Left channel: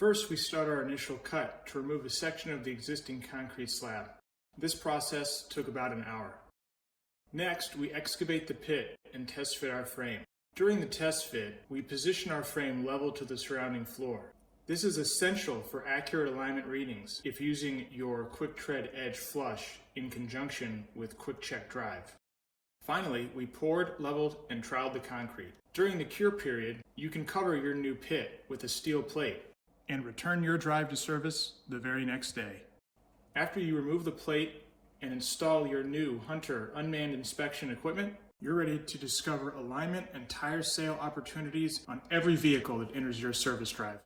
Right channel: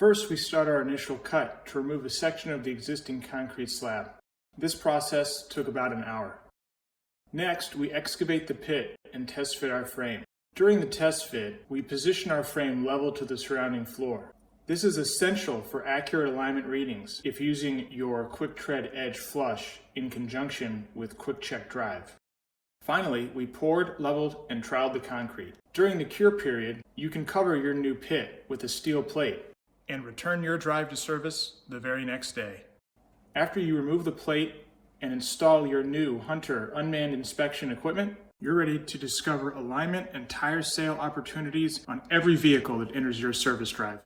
First, we start our initial cut to remove a section of the existing concrete slab. This process took about an hour. Next, we excavate the pit and test fit our frame. During the test fit, we position our frame level to the surrounding floor. This is essential for accurate alignment readings if using your Quick Tread Edge flush in conjunction with Quick Check Drive. Finally, we poured, leveled, and troweled the concrete. During the cure period, you can cover your new pit with a steel plate and return your drive to service the very next day. After you remove the plate and install your new Hunter unmanned inspection equipment, you're ready to discover alignment and tire sale opportunities on every vehicle that enters your service drive.